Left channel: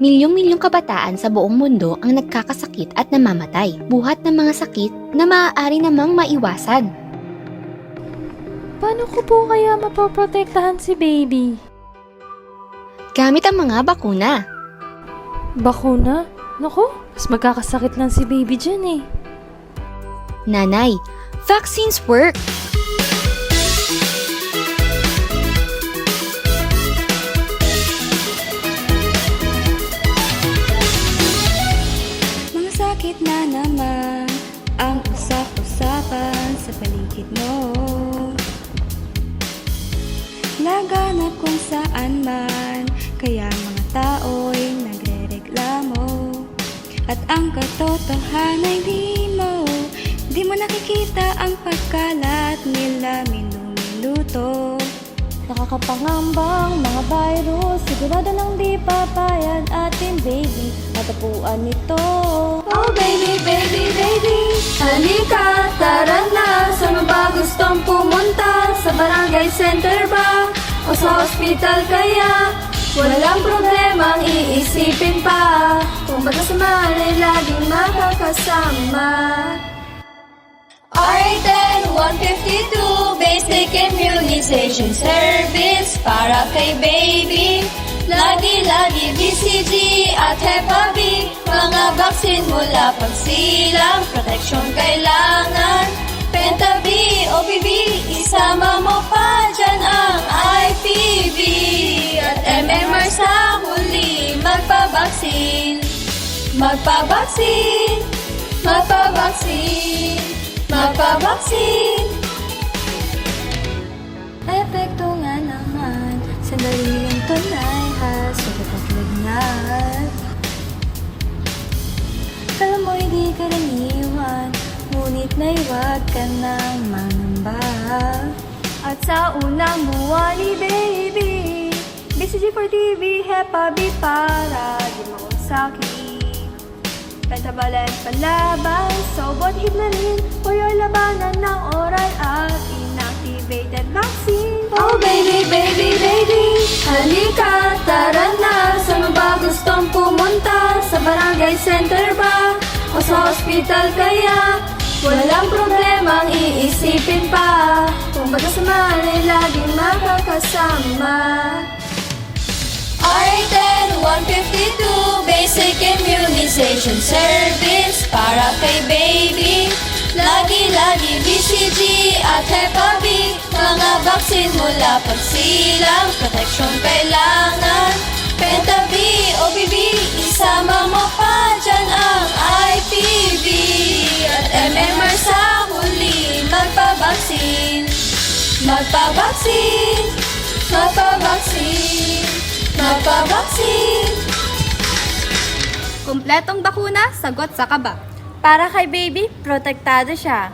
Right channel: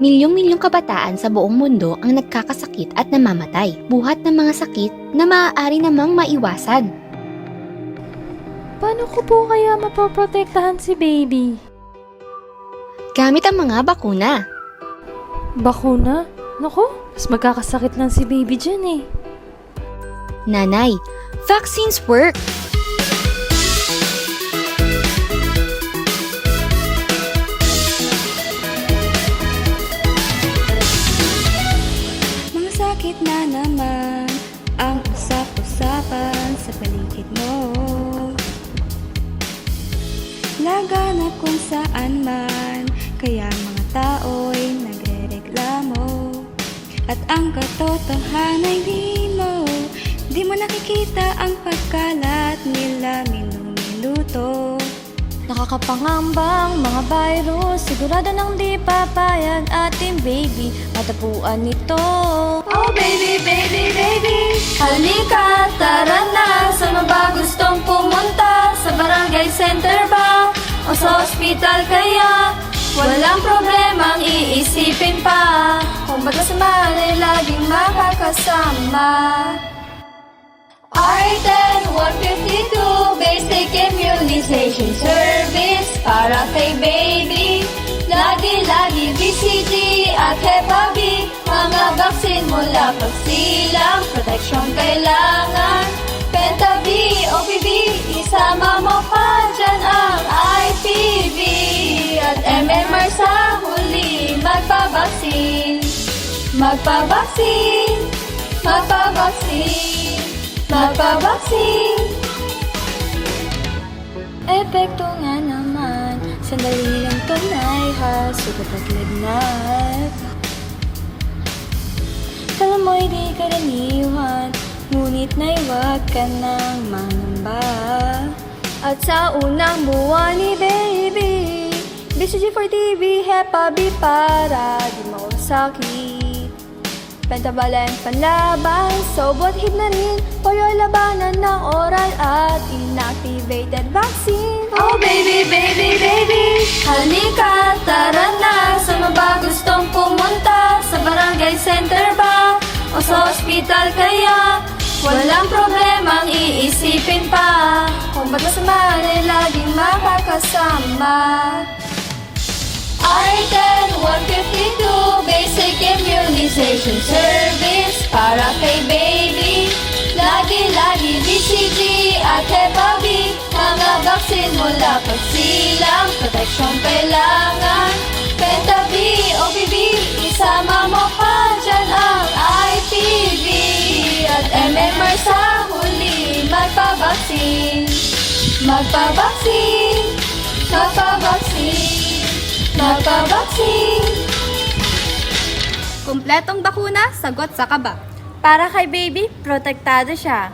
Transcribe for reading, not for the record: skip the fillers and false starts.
Milyong-milyong kabataan sa buong mundo ang nagkakasakit at namamatay, buhat ng mga sakit na maaari namang maiwasan. Paano ko po kaya mapoprotektahan si baby? Gamit ang mga bakuna. Bakuna? Naku, mas magkakasakit lang si baby dyan eh. Nanay, vaccines work! Mga sakit na naman ang usap-usapan sa paligid mo. Laganap kung saan man, kaya mga tao'y nagrereklamo. At ang katotohanan ay di mo nakikita ang pagkalat nila minuto. Nakakapangambang mga virus, sigurado nang di papayag ating baby matapuan nito. Oh baby, baby, baby, halika, tara na. Saan ba gustong pumunta? Sa barangay center ba? O sa ospital kaya? Walang problemang iisipin pa, kung magkasama ay laging makakasama. R10 152 Basic Immunization Service para kay baby. Lagi-lagi BCG at Hep B, mga vaccine mula pagsilang, protection kailangan. Penta B, OPV, isama mo pa dyan ang IPV. At MMR sa huli, magpabaksin. Magpabaksin, magpabaksin, magpabaksin. Epekto nga naman, sandali ang tunay ha, sugat at lagnat. Alam mo, hindi karaniwan, ngunit naiwag ka ng mamba. At sa unang buwan ni baby, BCG for TB, Hep B para di mawasakit. Pentavalent panlaban, sobot hignanin, for your labanan ng oral at inactivated vaccine. Oh baby, baby, baby, halika, tara na. Saan ba gustong pumunta? Sa barangay center ba? O sa ospital kaya? Walang problemang iisipin pa, kung magkasama ay laging makakasama. R10 152 Basic Immunization Service para kay baby. Lagi-lagi BCG at Hep B, mga vaccine mula pagsilang, protection kailangan. Penta B, OPV, isama mo pa dyan ang IPV. At MMR sa huli, magpabaksin. Magpabaksin, magpabaksin, magpabaksin. Kumpletong bakuna, sagot sa kaba. Para kay baby, protektado siya.